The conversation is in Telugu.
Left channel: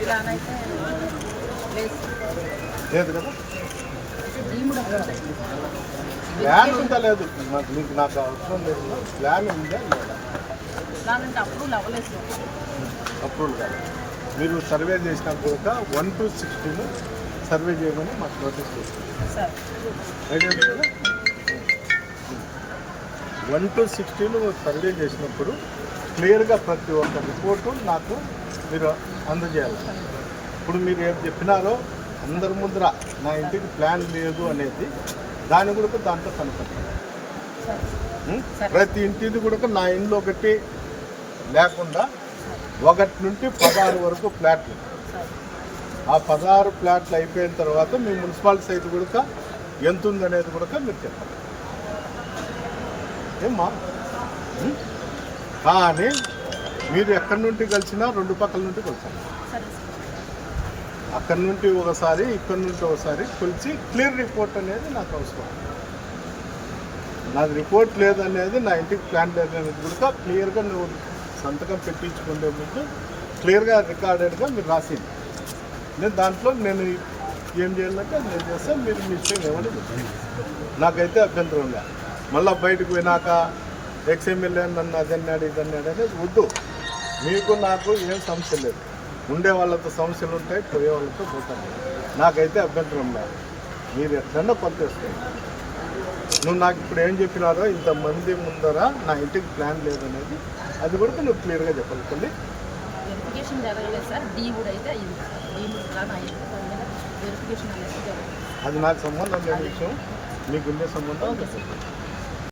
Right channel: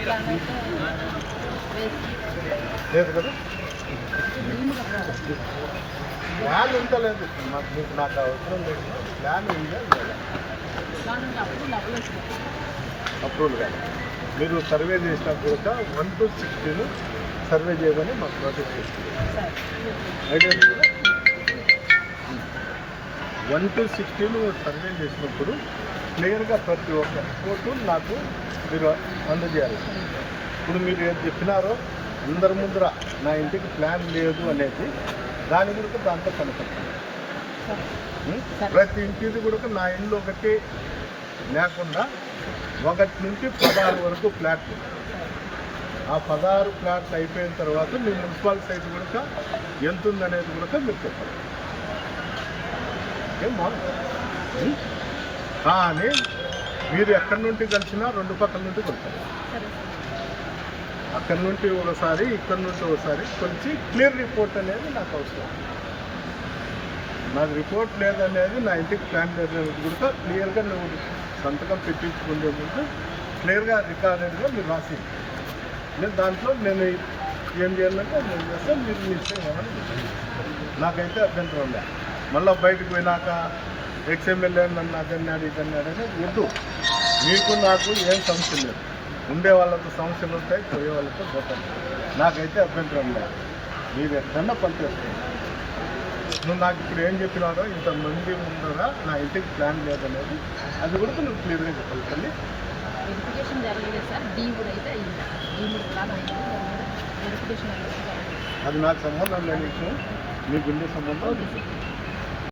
ప్లాన్ లేదు కదా ప్లాన్ ఉందా లేదు మీకు నాకు అవసరం లేదు ప్లాన్ ఉందా లేదా అప్రూవ్ మీరు సర్వే చేసినప్పుడు కూడా వన్ టు సిక్స్టీన్ సర్వే చేయమని మాకు నోటీస్ చేస్తుంది వన్ టు సిక్స్టీన్ మీరు సర్వే చేసినప్పుడు క్లియర్గా ప్రతి ఒక్క రిపోర్టు నాకు మీరు అందజేయాలి. ఇప్పుడు మీరు ఏం చెప్పినారో అందరి ముందర నా ఇంటికి ప్లాన్ లేదు అనేది దాని కూడా దాంట్లో కనపడుతుంది. ప్రతి ఇంటిది కూడా నా ఇంట్లో ఒకటి లేకుండా ఒకటి నుండి పదహారు వరకు ప్లాట్లు. సార్. ఆ పదహారు ప్లాట్లు అయిపోయిన తర్వాత మీ మున్సిపాలిటీ సైట్ కూడా ఎంత ఉందనేది కూడా మీరు చెప్పండి. ఏమ్మా? కానీ మీరు ఎక్కడి నుండి కలిసినా రెండు పక్కల నుండి కలిసారు. సరే సార్. అక్కడి నుండి ఒకసారి ఇక్కడి నుండి ఒకసారి కొలిచి క్లియర్ రిపోర్ట్ అనేది నాకు అవసరం. నాకు రిపోర్ట్ లేదనేది నా ఇంటికి ప్లాన్ అనేది కూడా క్లియర్గా నువ్వు సంతకం పెట్టించుకునే ముందు క్లియర్గా రికార్డెడ్గా మీరు రాసింది. నేను దాంట్లో నేను ఏం చేయాలంటే నేను చేస్తే మీరు మీ ఇష్టం చెప్పండి. నాకైతే అభ్యంతరం ఉన్నాయి మళ్ళీ బయటకు పోయినాక ఎక్స్ఎమ్మెల్యే నన్ను అదన్నాడు ఇదన్నాడు అనేది వద్దు. మీకు నాకు ఏం సమస్య లేదు. ఉండే వాళ్ళతో సమస్యలు ఉంటాయి పోయే వాళ్ళతో పోతాం. నాకైతే అభ్యంతరం లేదు. మీరు ఎక్కడన్నా పనిచేస్తుంది నువ్వు నాకు ఇప్పుడు ఏం చెప్పినారో ఇంతమంది ముందర నా ఇంటికి ప్లాన్ లేదనేది అది కూడా నువ్వు క్లియర్గా చెప్పాలి తల్లి. వెరిఫికేషన్ జరగలేదు సార్. డీమ్డ్ అయితే అయింది. డీమ్డ్ ప్లాన్ అయింది. దాని మీద వెరిఫికేషన్ అనేది జరగలేదు. అది నాకు సంబంధం లేని విషయం. మీకు ఉండే సంబంధం. Okay sir.